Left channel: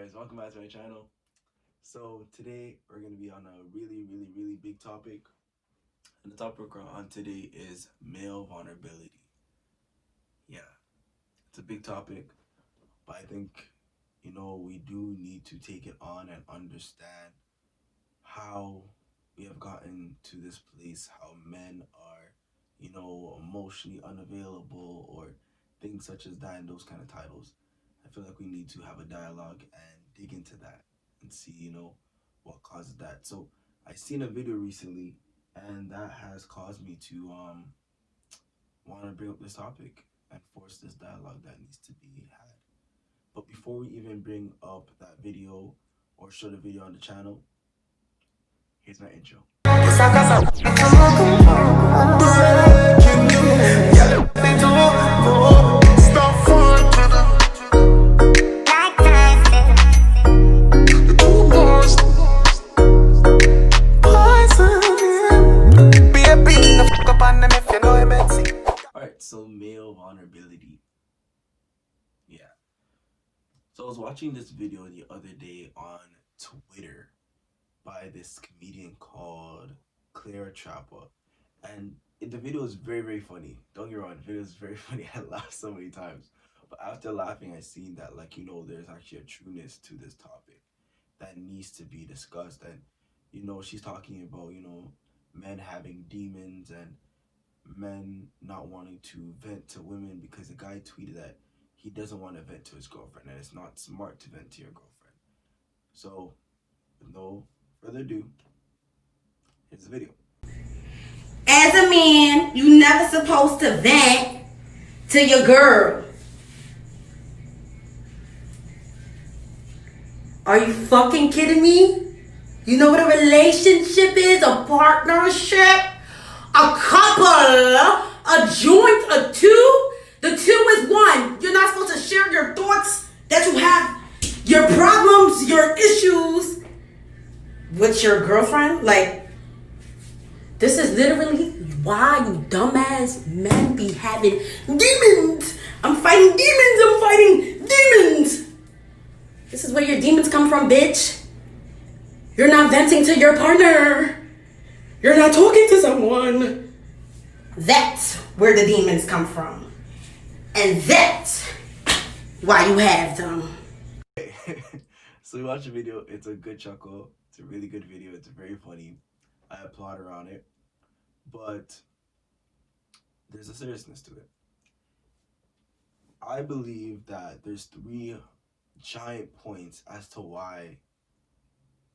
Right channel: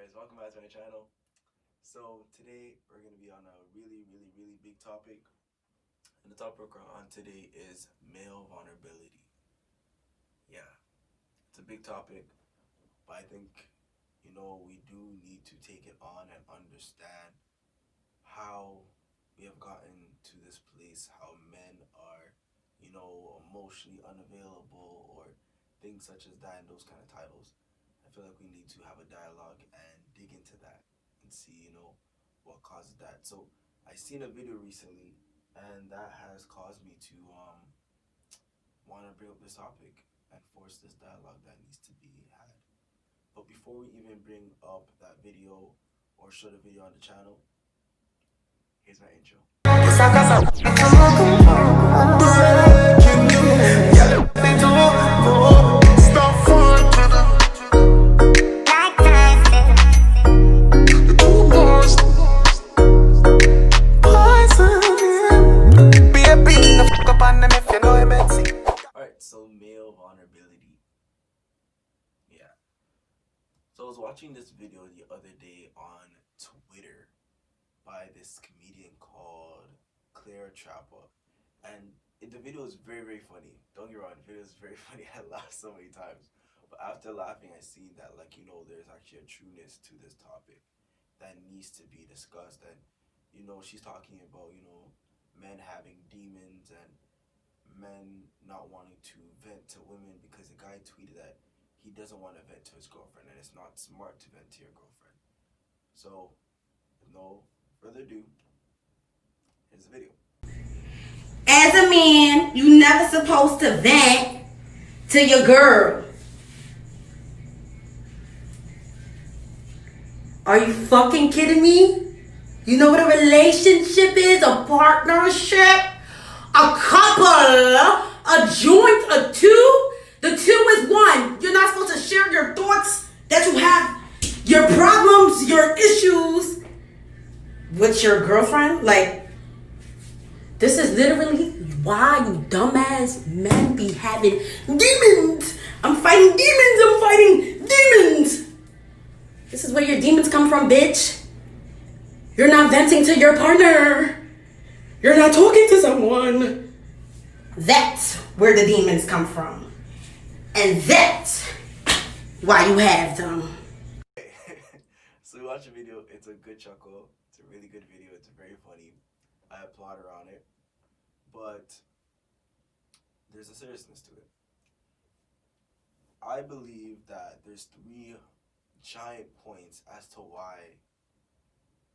guys, welcome back to my channel. So today we're going to be on a really big topic. And the topic we're on today is male vulnerability. Yeah, it's a big topic, but I think, we do need to take it on and understand how we have gotten to this place, how men are, emotionally unavailable or things such as that and those kind of titles. I feel like we need to have a dialogue and dig into that and see, what causes that. So I seen a video recently and that has caused me to want to bring up this topic and force this dialogue that needs to be had. But before we even bring up that video or show the video on the channel, here's my intro. Alright, so male vulnerability. Yeah. So I was watching this video the other day on Twitter by this comedian called Clara Trapper. And the video is very funny. Don't get me wrong, the video is very funny. I laughed so many times. But after laughing, I seen that, there's actually a trueness to this topic that needs to be discussed. And, she's talking about, men having demons and men not wanting to vent to women because the guy tweeted that he doesn't want to vent to his girlfriend and it's not smart to vent to your girlfriend. So, with no further ado, here's the video. As a man, you never supposed to vent to your girl. Are you fucking kidding me? You know what a relationship is? A partnership? A couple? A joint? A two? The two is one. You're not supposed to share your thoughts that you have, your problems, your issues with your girlfriend. This is literally why you dumbass men be having demons. I'm fighting demons. This is where your demons come from, bitch. You're not venting to your partner. You're not talking to someone. That's where the demons come from. And that's why you have them. So we watched the video. It's a good chuckle. It's a really good video. It's very funny. I applaud her on it. But there's a seriousness to it. I believe that there's three giant points as to why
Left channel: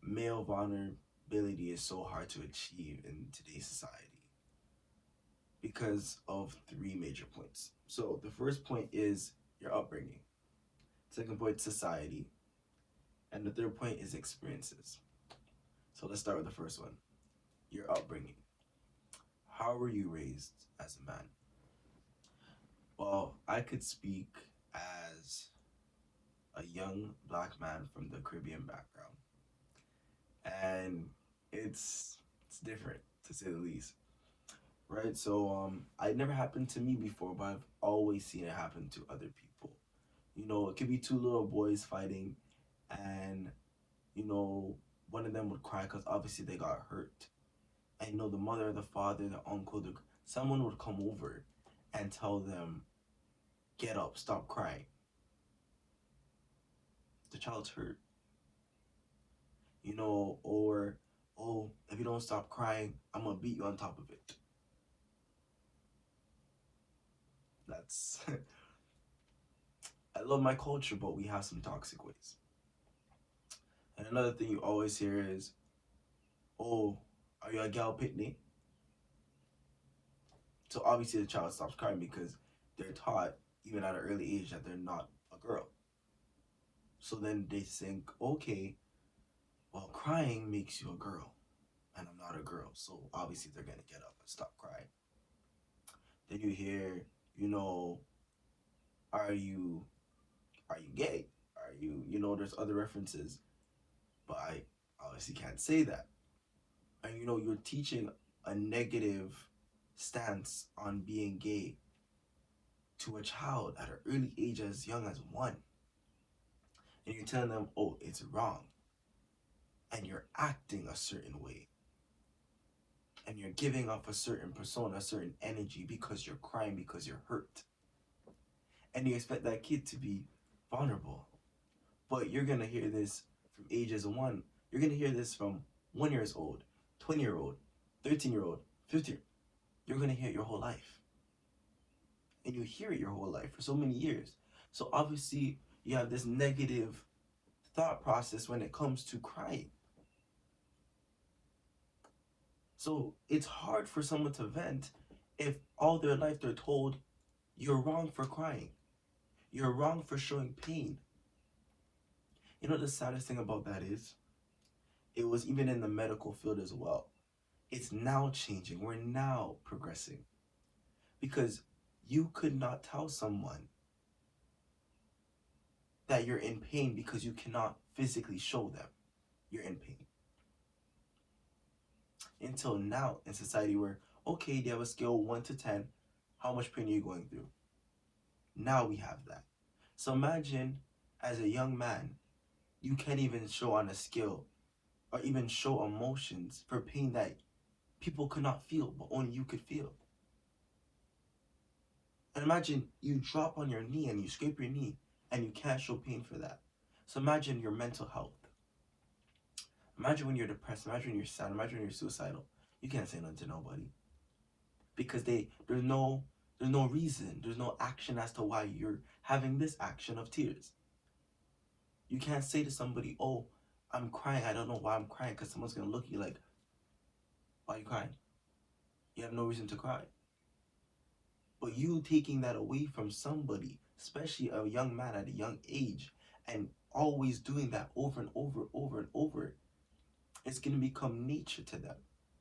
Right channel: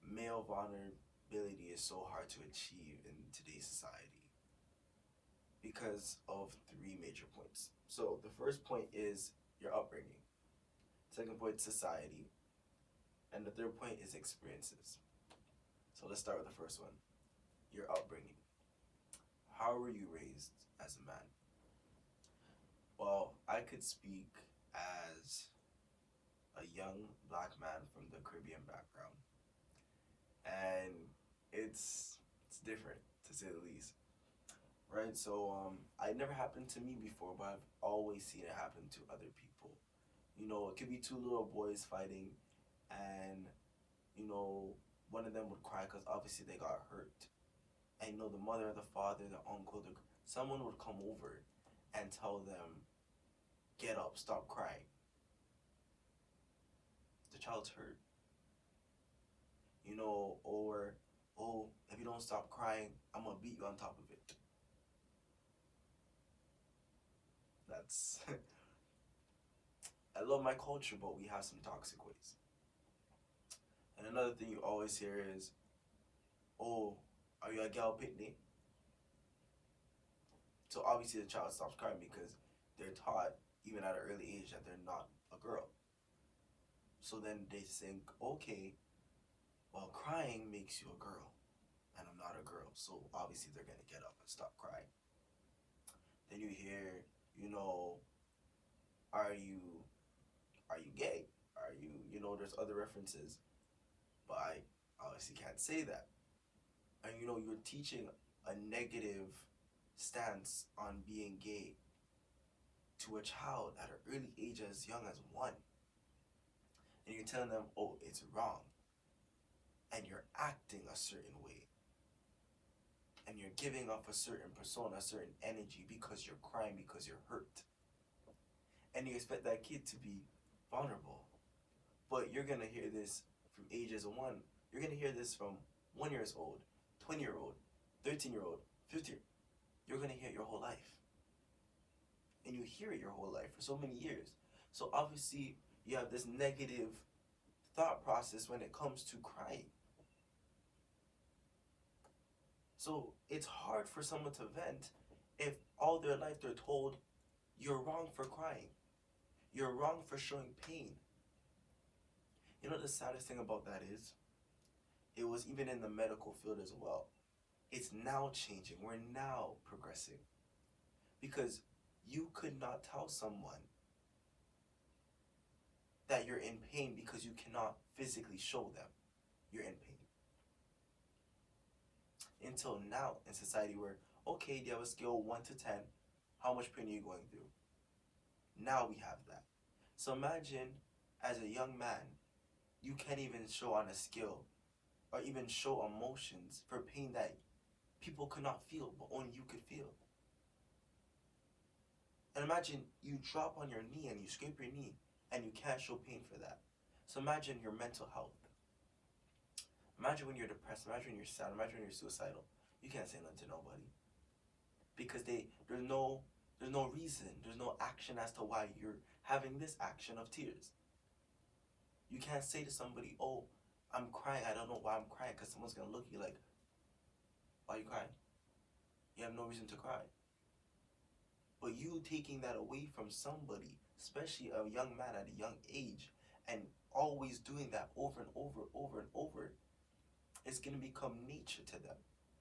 male vulnerability is so hard to achieve in today's society. Because of three major points. So the first point is your upbringing. Second point, society. And the third point is experiences. So let's start with the first one. Your upbringing. How were you raised as a man? Well, I could speak as a young black man from the Caribbean background. And it's different, to say the least. Right? So it never happened to me before, but I've always seen it happen to other people. It could be two little boys fighting and one of them would cry because obviously they got hurt. And the mother, the father, the uncle, someone would come over and tell them, get up, stop crying. The child's hurt. Or, oh, if you don't stop crying, I'm gonna beat you on top of it. That's I love my culture, but we have some toxic ways. And another thing you always hear is, oh, are you a gal picnic? So obviously the child stops crying because they're taught, even at an early age, that they're not a girl. So then they think, okay, well, crying makes you a girl, and I'm not a girl. So obviously they're gonna get up and stop crying. Then you hear, are you gay? Are you, there's other references, but I obviously can't say that. And you're teaching a negative stance on being gay to a child at an early age as young as 1. and you're telling them, oh, it's wrong, and you're acting a certain way, and you're giving off a certain persona, a certain energy because you're crying, because you're hurt, and you expect that kid to be vulnerable. But you're gonna hear this from ages one. You're gonna hear this from 1 years old, 20-year-old, 13-year-old, 15. You're gonna hear it your whole life, and you hear it your whole life for so many years. So obviously, you have this negative thought process when it comes to crying. So it's hard for someone to vent if all their life they're told you're wrong for crying, you're wrong for showing pain. You know, the saddest thing about that is, it was even in the medical field as well. It's now changing. We're now progressing. Because you could not tell someone that you're in pain because you cannot physically show them you're in pain. Until now in society where, okay, they have a scale 1 to 10, how much pain are you going through? Now we have that. So imagine, as a young man, you can't even show on a scale or even show emotions for pain that people could not feel, but only you could feel. And imagine you drop on your knee and you scrape your knee and you can't show pain for that. So imagine your mental health. Imagine when you're depressed, imagine when you're sad, imagine when you're suicidal. You can't say nothing to nobody. Because there's no reason, there's no action as to why you're having this action of tears. You can't say to somebody, oh, I'm crying, I don't know why I'm crying, because someone's going to look at you like, why are you crying? You have no reason to cry. But you taking that away from somebody, especially a young man at a young age, and always doing that over and over, over and over, it's going to become nature to them.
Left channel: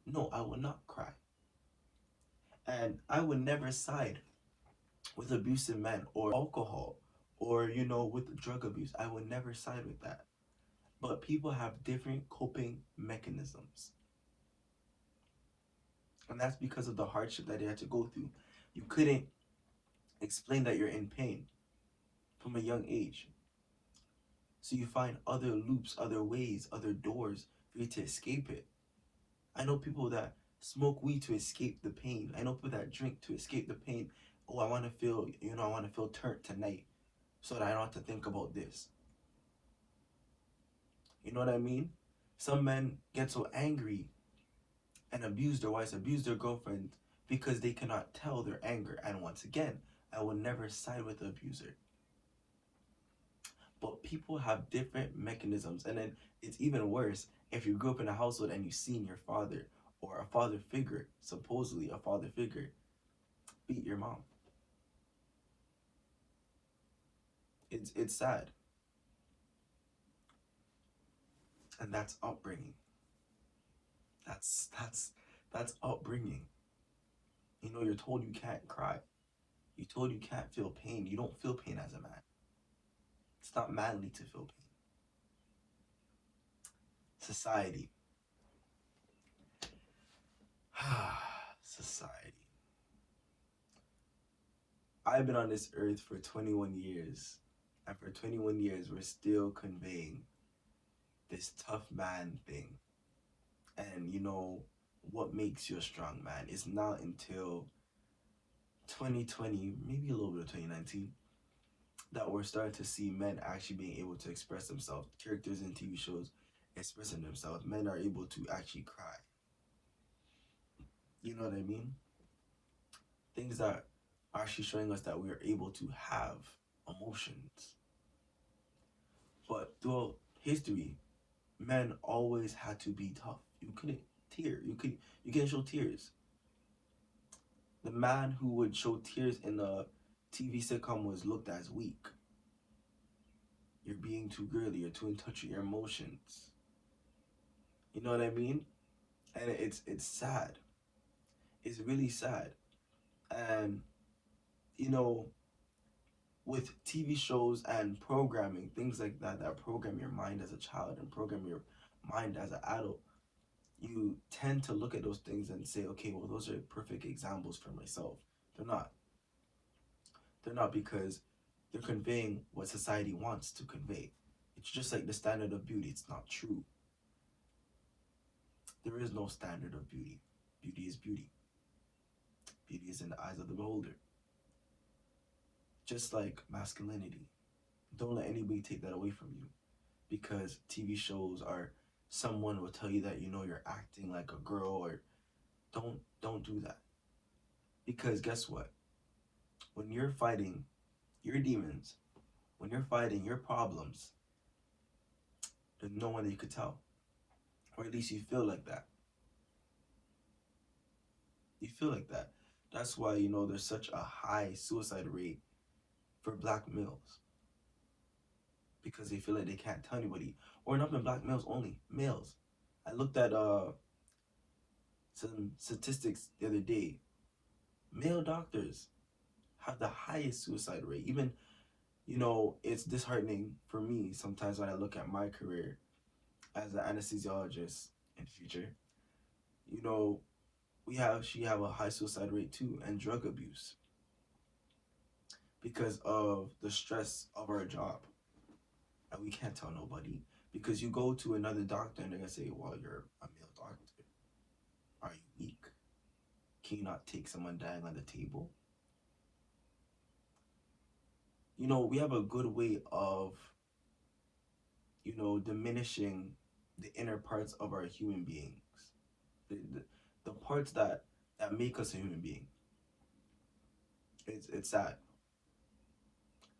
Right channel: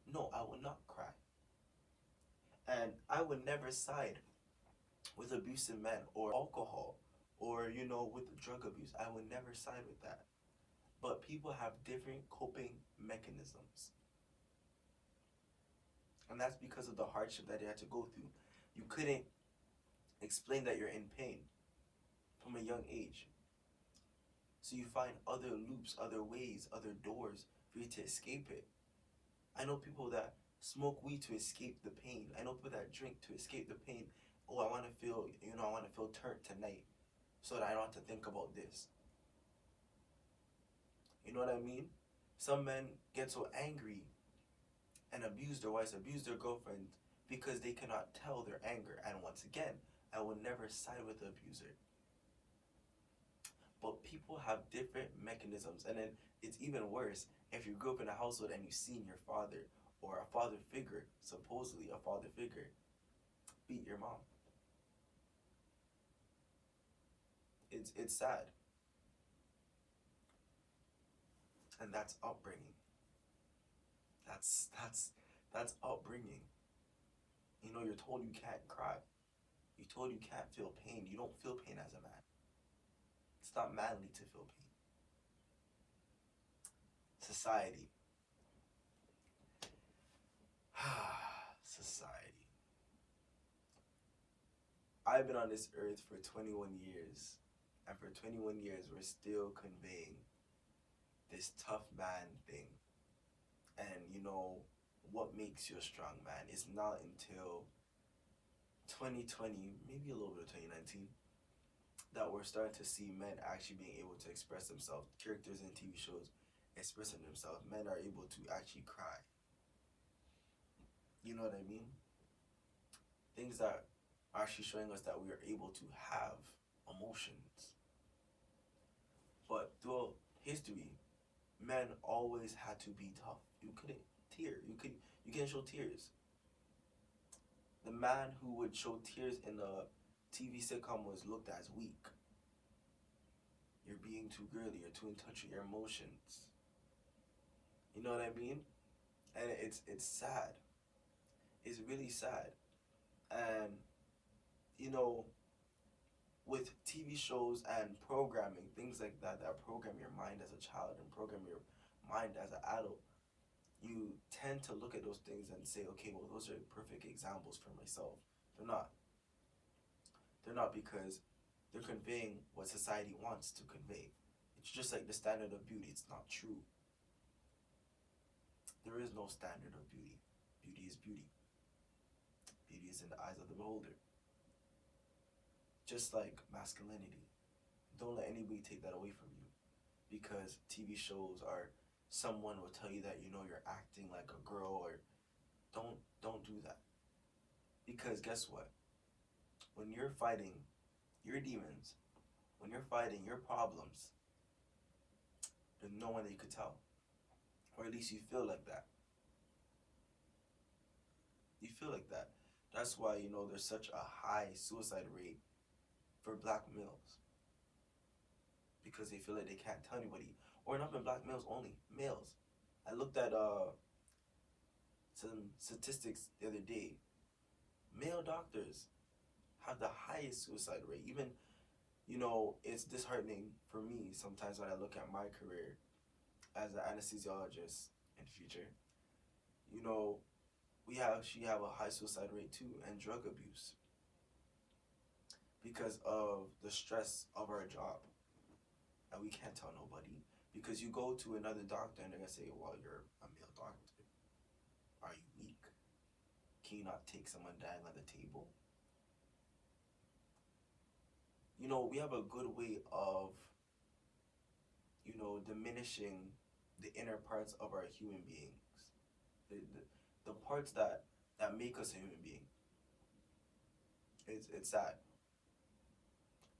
No, I will not cry. And I would never side with abusive men or alcohol or, with drug abuse. I would never side with that. But people have different coping mechanisms. And that's because of the hardship that they had to go through. You couldn't explain that you're in pain from a young age. So you find other loops, other ways, other doors for you to escape it. I know people that smoke weed to escape the pain. I know people that drink to escape the pain. Oh, I want to feel, I want to feel turned tonight so that I don't have to think about this. You know what I mean? Some men get so angry and abuse their wives, abuse their girlfriends because they cannot tell their anger. And once again, I will never side with the abuser. But people have different mechanisms. And then it's even worse if you grew up in a household and you've seen your father or a father figure, supposedly a father figure, beat your mom. It's sad. And that's upbringing. That's upbringing. You're told you can't cry. You're told you can't feel pain. You don't feel pain as a man. It's not manly to feel pain. Society. Society. I've been on this earth for 21 years. And for 21 years, we're still conveying this tough man thing. And what makes you a strong man is not until 2020, maybe a little bit of 2019, that we're starting to see men actually being able to express themselves. Characters in TV shows expressing themselves. Men are able to actually cry. You know what I mean? Things that are actually showing us that we are able to have emotions. But throughout history, men always had to be tough. You couldn't tear. You can't show tears. The man who would show tears in a TV sitcom was looked as weak. You're being too girly. You're too in touch with your emotions. You know what I mean? And it's sad. It's really sad. And with TV shows and programming, things like that program your mind as a child and program your mind as an adult, you tend to look at those things and say, okay, well, those are perfect examples for myself. They're not. They're not, because they're conveying what society wants to convey. It's just like the standard of beauty. It's not true. There is no standard of beauty. Beauty is beauty. Beauty is in the eyes of the beholder. Just like masculinity. Don't let anybody take that away from you. Because TV shows are, someone will tell you that, you know, you're acting like a girl, or don't do that. Because guess what? When you're fighting your demons, when you're fighting your problems, there's no one that you could tell. Or at least you feel like that. You feel like that. That's why, you know, there's such a high suicide rate for black males. Because they feel like they can't tell anybody. Or not even black males only, males. I looked at some statistics the other day. Male doctors have the highest suicide rate. Even, you know, it's disheartening for me sometimes when I look at my career as an anesthesiologist in the future. You know, she have a high suicide rate too, and drug abuse, because of the stress of our job. And we can't tell nobody, because you go to another doctor and they're gonna say, well, you're a male doctor. Are you weak? Can you not take someone dying on the table? You know, we have a good way of, you know, diminishing the inner parts of our human beings. The parts that make us a human being. It's sad.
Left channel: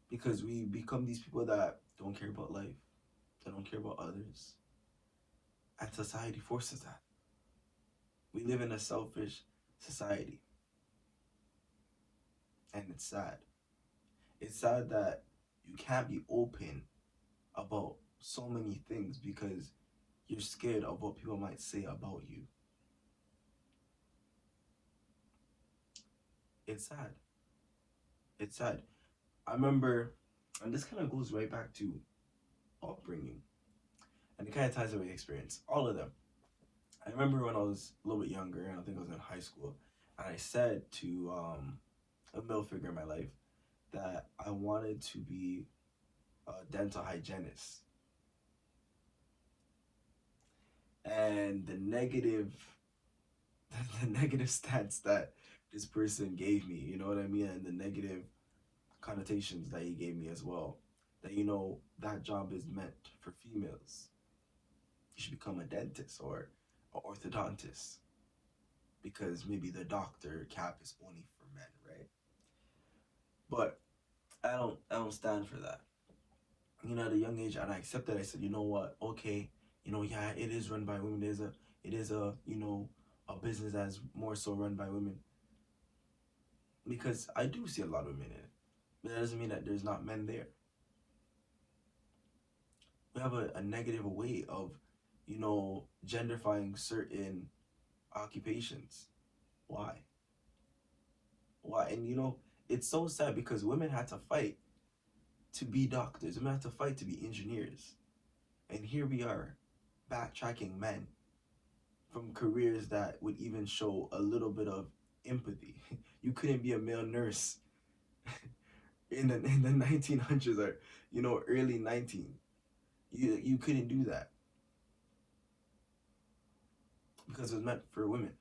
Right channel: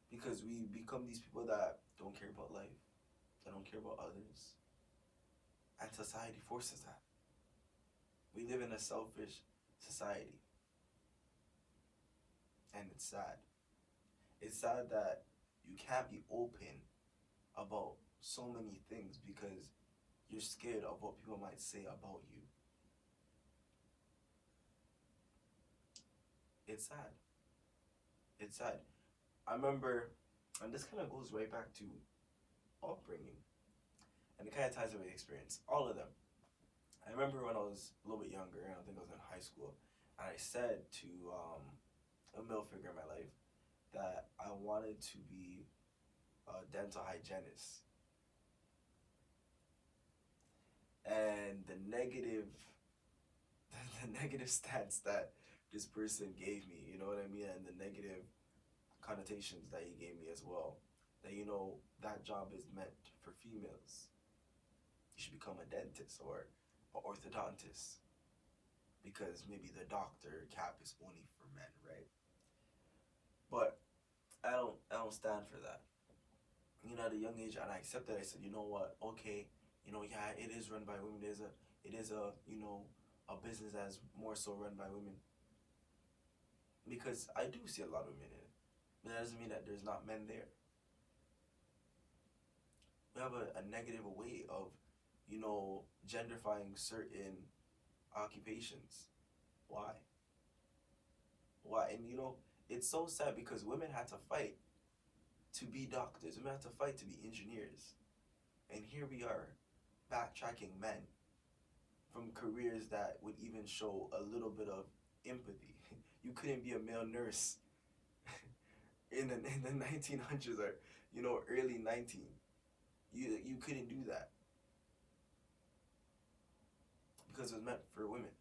Because we become these people that don't care about life. They don't care about others. And society forces that. We live in a selfish society. And it's sad. It's sad that you can't be open about so many things because you're scared of what people might say about you. It's sad. It's sad. I remember, and this kind of goes right back to upbringing. And it kind of ties in with experience. All of them. I remember when I was a little bit younger, and I think I was in high school, and I said to a male figure in my life that I wanted to be a dental hygienist. And the negative stance that this person gave me, you know what I mean, and the negative connotations that he gave me as well, that, you know, that job is meant for females. You should become a dentist or an orthodontist, because maybe the doctor cap is only for men, right? But I don't stand for that. You know, at a young age, and I accepted. I said, you know what? Okay, you know, yeah, it is run by women. It is a you know, a business that's more so run by women. Because I do see a lot of women in it, but that doesn't mean that there's not men there. We have a negative way of, you know, genderifying certain occupations. Why? Why? And you know, it's so sad because women had to fight to be doctors. Women had to fight to be engineers. And here we are, backtracking men from careers that would even show a little bit of empathy. You couldn't be a male nurse in the 1900s, or, you know, early 19. You couldn't do that because it was meant for women.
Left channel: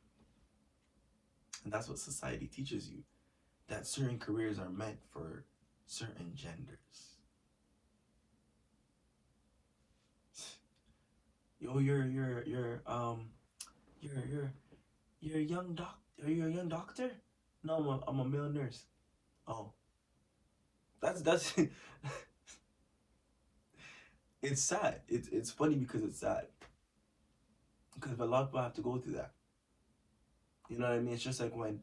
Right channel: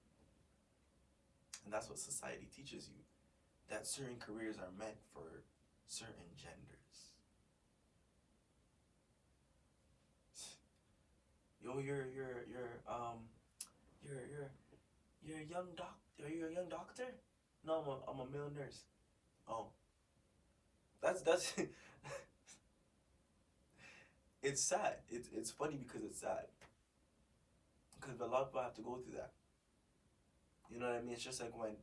And that's what society teaches you, that certain careers are meant for certain genders. Yo, you're a young doctor. Are you a young doctor? No, I'm a male nurse. Oh, that's it's sad. It's funny because it's sad. Because a lot of people have to go through that. You know what I mean? It's just like when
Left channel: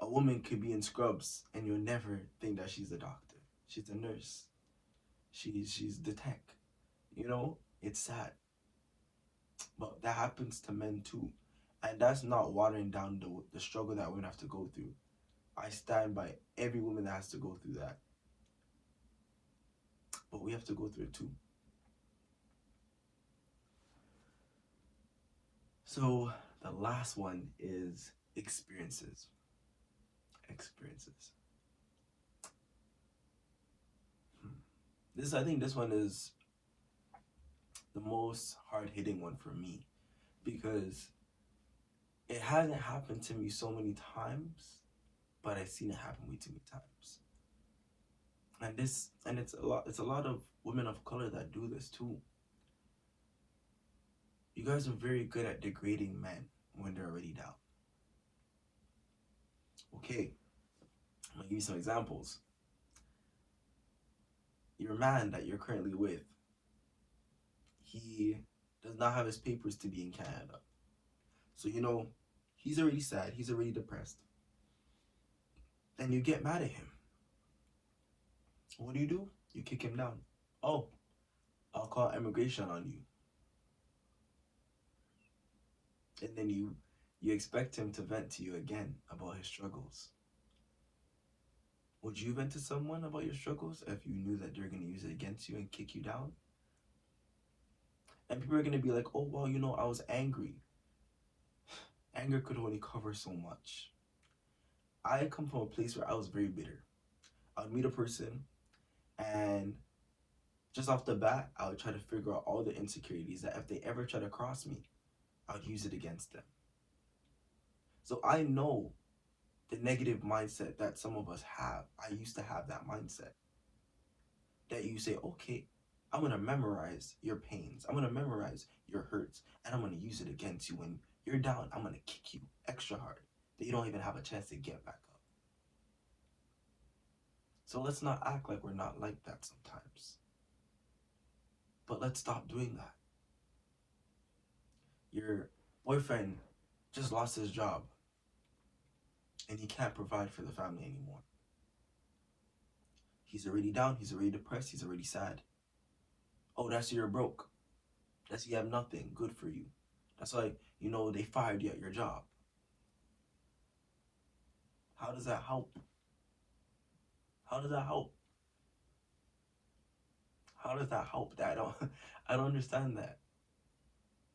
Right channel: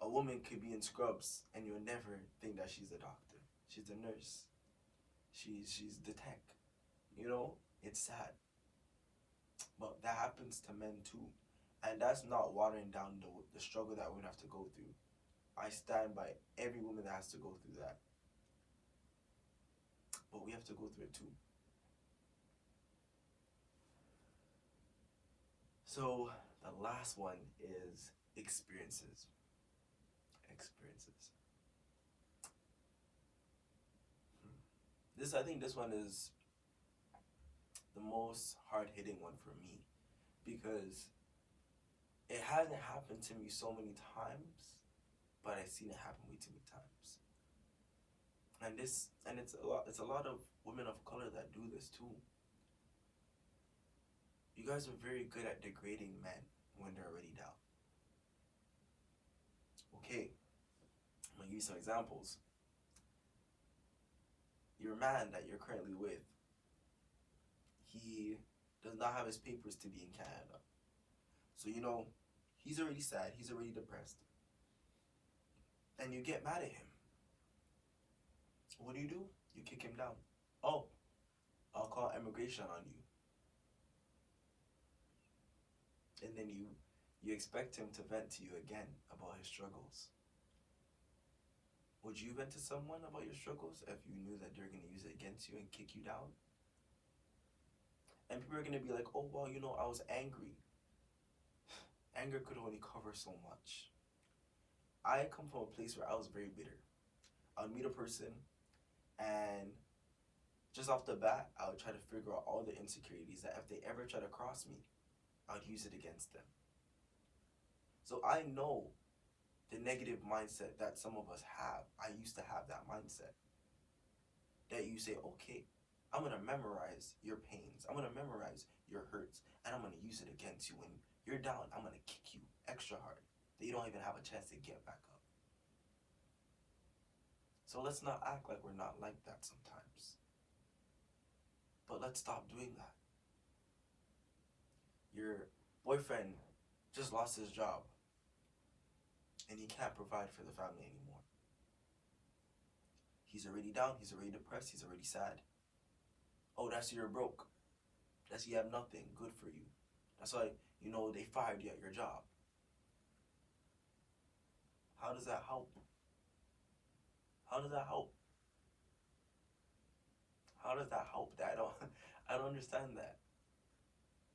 a woman could be in scrubs and you'll never think that she's a doctor. She's a nurse. She's the tech. You know? It's sad. But that happens to men too. And that's not watering down the struggle that women have to go through. I stand by every woman that has to go through that. But we have to go through it too. So the last one is experiences. I think this one is most hard-hitting one for me, because it hasn't happened to me so many times, but I've seen it happen way too many times. And it's a lot of women of color that do this too. You guys are very good at degrading men when they're already down. Okay, I'm gonna give you some examples. Your man that you're currently with, he does not have his papers to be in Canada. So, you know, he's already sad, he's already depressed. And you get mad at him. What do? You kick him down. Oh, I'll call immigration on you. And then you expect him to vent to you again about his struggles. Would you vent to someone about your struggles if you knew that they're going to use it against you and kick you down? And people are going to be like, oh, well, you know, I was angry. Anger could only cover so much. I come from a place where I was very bitter. I would meet a person, and just off the bat, I would try to figure out all the insecurities that if they ever try to cross me, I would use it against them. So I know the negative mindset that some of us have. I used to have that mindset. That you say, okay, I'm going to memorize your pains. I'm going to memorize your hurts. And I'm going to use it against you. When you're down, I'm going to kick you extra hard that you don't even have a chance to get back up. So let's not act like we're not like that sometimes. But let's stop doing that. Your boyfriend just lost his job, and he can't provide for the family anymore. He's already down, he's already depressed, he's already sad. Oh, that's you're broke. That's you have nothing. Good for you. That's why, you know, they fired you at your job. How does that help? How does that help? How does that help? I don't understand that.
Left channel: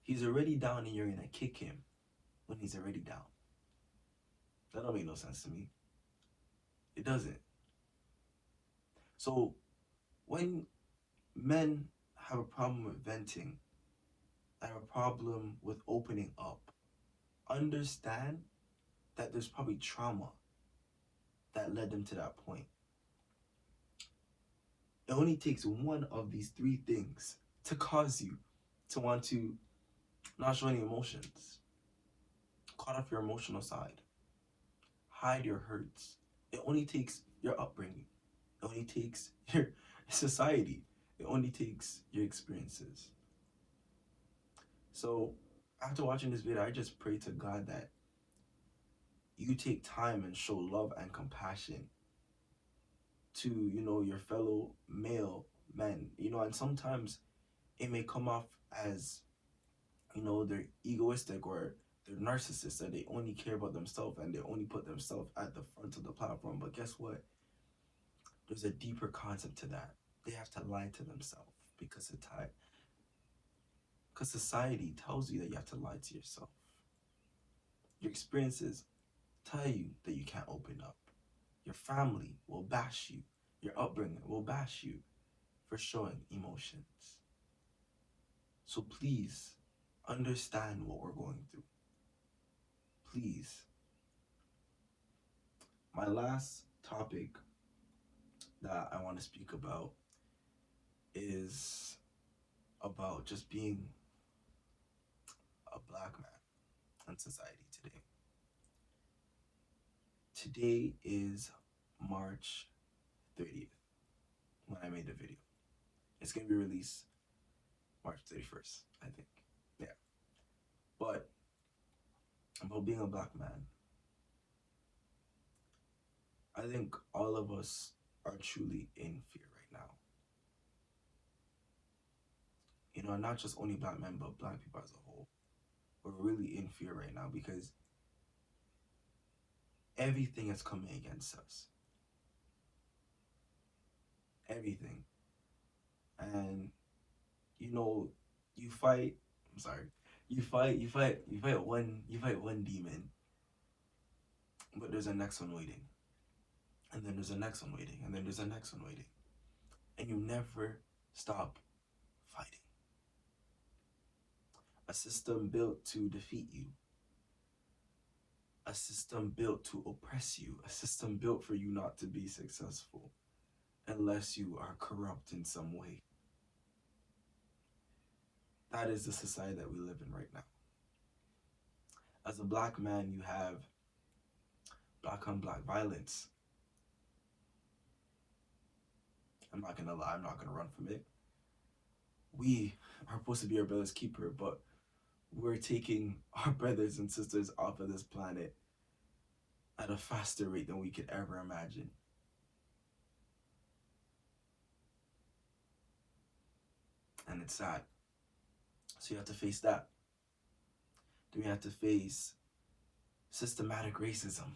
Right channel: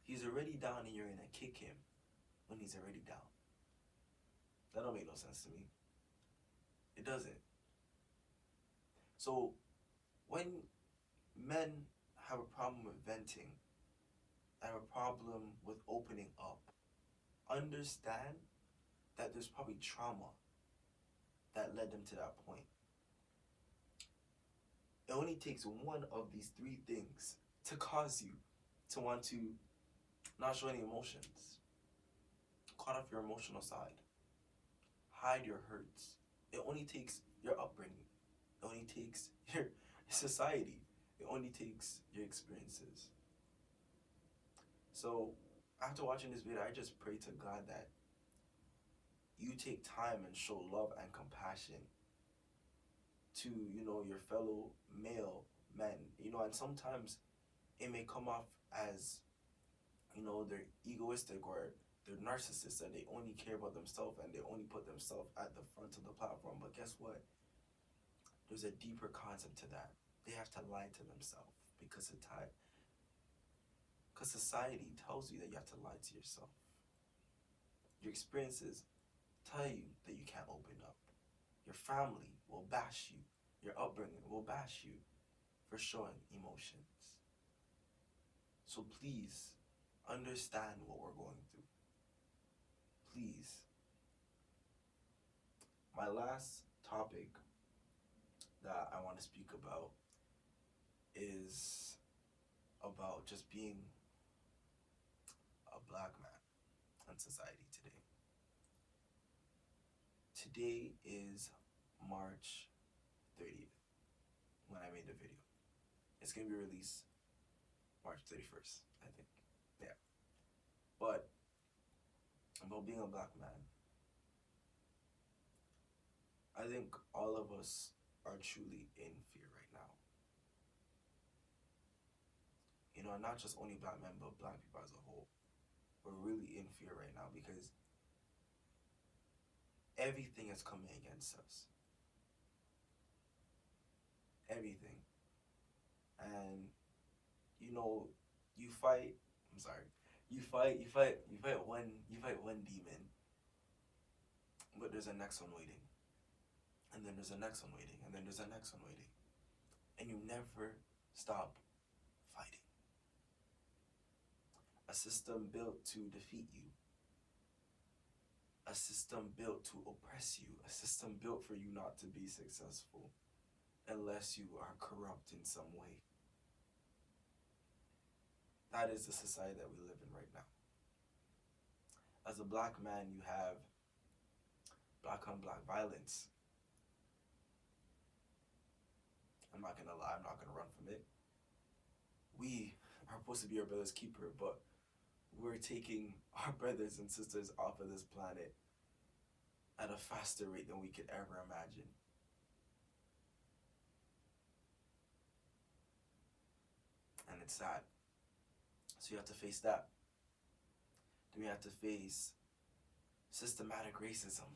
He's already down and you're gonna kick him when he's already down. That don't make no sense to me. It doesn't. So when men have a problem with venting, have a problem with opening up, understand that there's probably trauma that led them to that point. It only takes one of these three things to cause you to want to not show any emotions, cut off your emotional side, hide your hurts. It only takes your upbringing. It only takes your society. It only takes your experiences. So after watching this video, I just pray to God that you take time and show love and compassion to, you know, your fellow male men, you know, and sometimes it may come off as, you know, they're egoistic or they're narcissists, that they only care about themselves and they only put themselves at the front of the platform. But guess what? There's a deeper concept to that. They have to lie to themselves because society tells you that you have to lie to yourself. Your experiences tell you that you can't open up. Your family will bash you. Your upbringing will bash you for showing emotions. So please understand what we're going through. Please. My last topic that I want to speak about is about just being a black man in society today. Today is March 30th when I made the video. It's going to be released March 31st, I think. Yeah. But about being a black man, I think all of us are truly in fear right now. You know, not just only black men, but black people as a whole. We're really in fear right now because everything is coming against us. Everything. And, you know, you fight one demon, but there's a next one waiting. And then there's a next one waiting, and then there's a next one waiting. And you never stop fighting. A system built to defeat you. A system built to oppress you. A system built for you not to be successful unless you are corrupt in some way. That is the society that we live in right now. As a black man, you have black on black violence. I'm not gonna lie, I'm not gonna run from it. We are supposed to be our brother's keeper, but we're taking our brothers and sisters off of this planet at a faster rate than we could ever imagine. And it's sad. So you have to face that. Then we have to face systematic racism,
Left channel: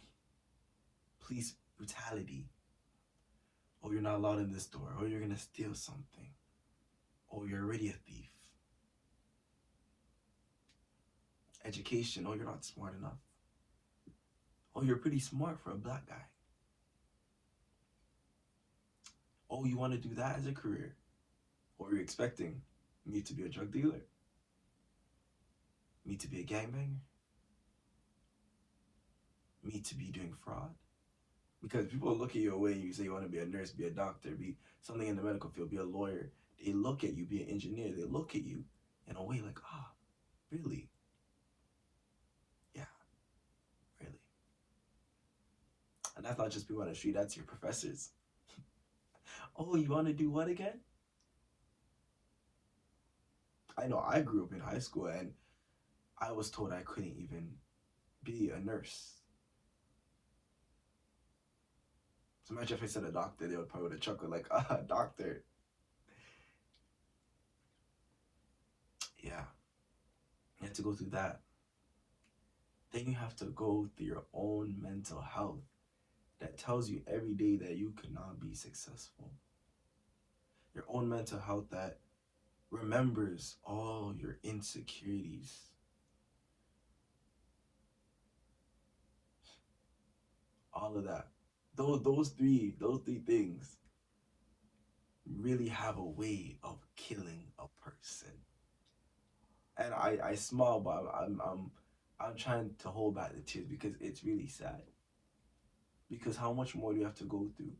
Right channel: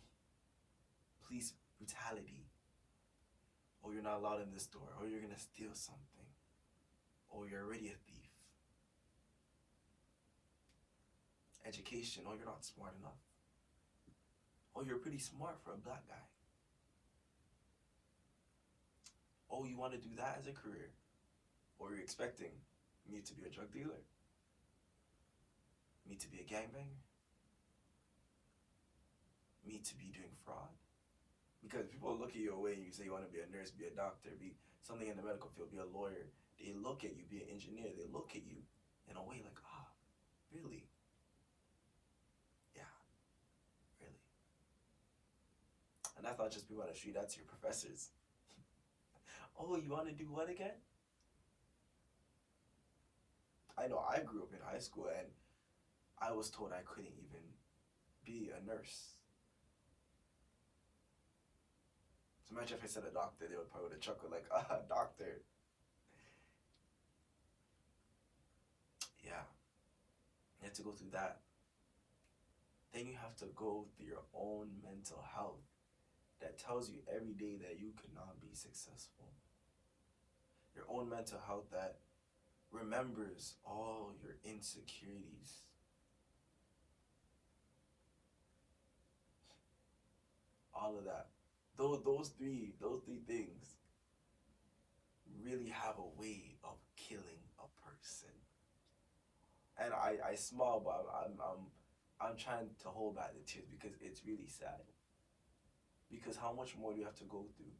police brutality. Oh, you're not allowed in this store. Oh, you're gonna steal something. Oh, you're already a thief. Education. Oh, you're not smart enough. Oh, you're pretty smart for a black guy. Oh, you want to do that as a career? Or you're expecting me to be a drug dealer? Me to be a gangbanger? Me to be doing fraud? Because people look at you away and you say you want to be a nurse, be a doctor, be something in the medical field, be a lawyer. They look at you, be an engineer. They look at you in a way like, really? Yeah, really. And that's not just people on the street, that's your professors. Oh, you want to do what again? I know I grew up in high school and I was told I couldn't even be a nurse. So imagine if I said a doctor, they would probably would have chuckled like, doctor. Yeah, you have to go through that. Then you have to go through your own mental health that tells you every day that you cannot be successful. Your own mental health that remembers all your insecurities. All of that. Those three things really have a way of killing a person. And I smile, but I'm trying to hold back the tears because it's really sad. Because how much more do you have to go through?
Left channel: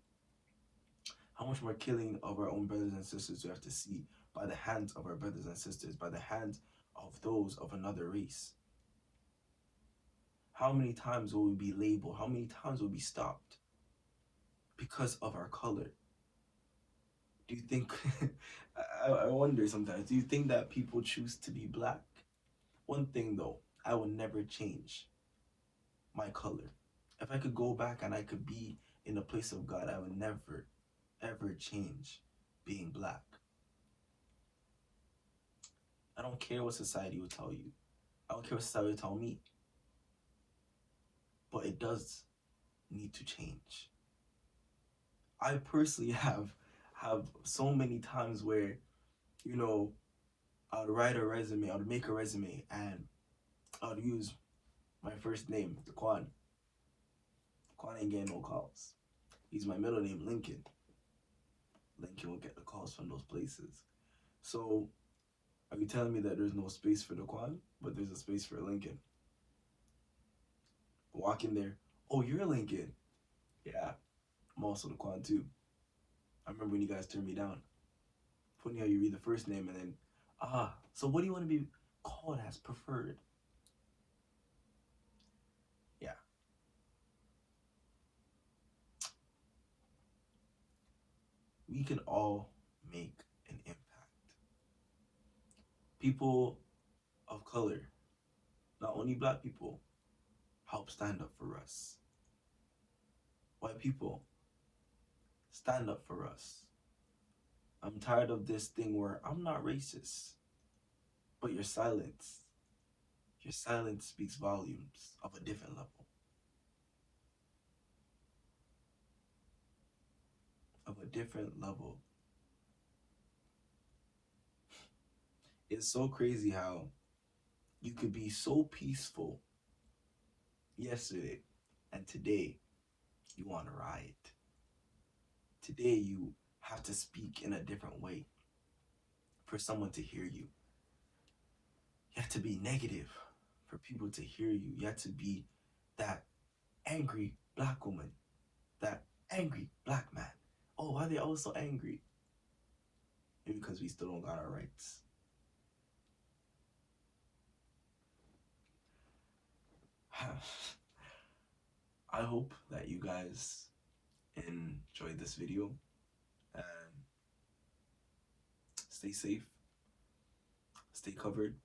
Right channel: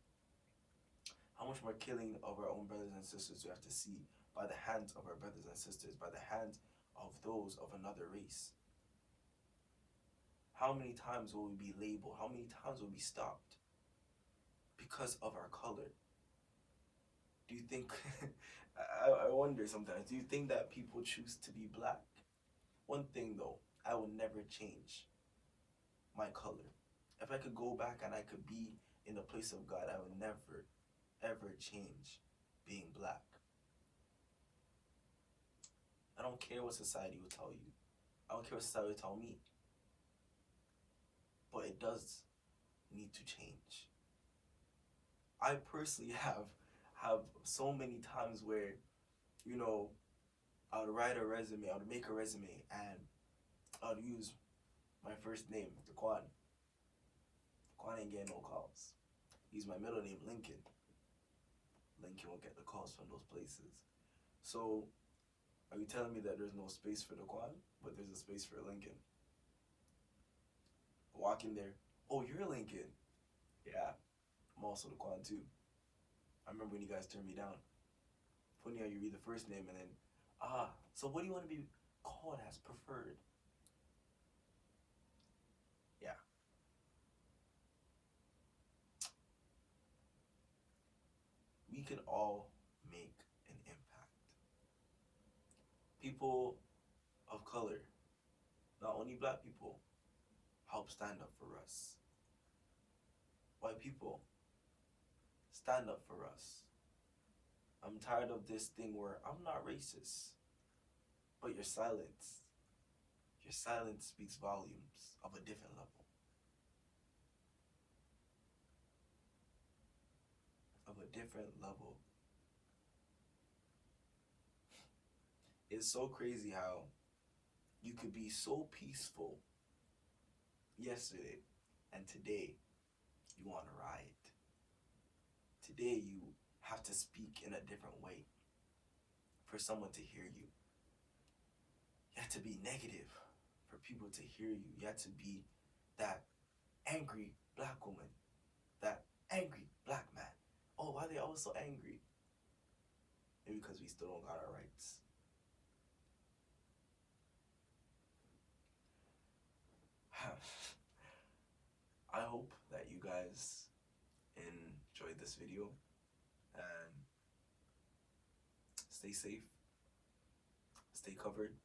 How much more killing of our own brothers and sisters do we have to see by the hands of our brothers and sisters, by the hands of those of another race? How many times will we be labeled? How many times will we be stopped because of our color? Do you think, I wonder sometimes, do you think that people choose to be black? One thing though, I will never change my color. If I could go back and I could be in the place of God, I would never, ever change being black. I don't care what society will tell you. I don't care what society will tell me. But it does need to change. I personally have so many times where, I would write a resume, I would make a resume, and I would use my first name, Daquan. Daquan ain't getting no calls. Use my middle name, Lincoln. Lincoln will get the calls from those places. So, are you telling me that there's no space for Daquan, but there's a space for Lincoln? Walk in there. Oh, you're Lincoln. Yeah, I'm also Daquan too. I remember when you guys turned me down. Funny how you read the first name and then, so what do you want to be called as preferred? Yeah. We can all make an impact. People of color, not only black people, help stand up for us. White people, stand up for us. I'm tired of this thing where I'm not racist, but your silence speaks volumes of a different level. Of a different level. It's so crazy how you could be so peaceful yesterday and today you want to riot. Today you have to speak in a different way for someone to hear you. You have to be negative for people to hear you. You have to be that angry black woman, that angry black man. Oh, why are they all so angry? Maybe because we still don't got our rights. I hope that you guys enjoyed this video and stay safe, stay covered.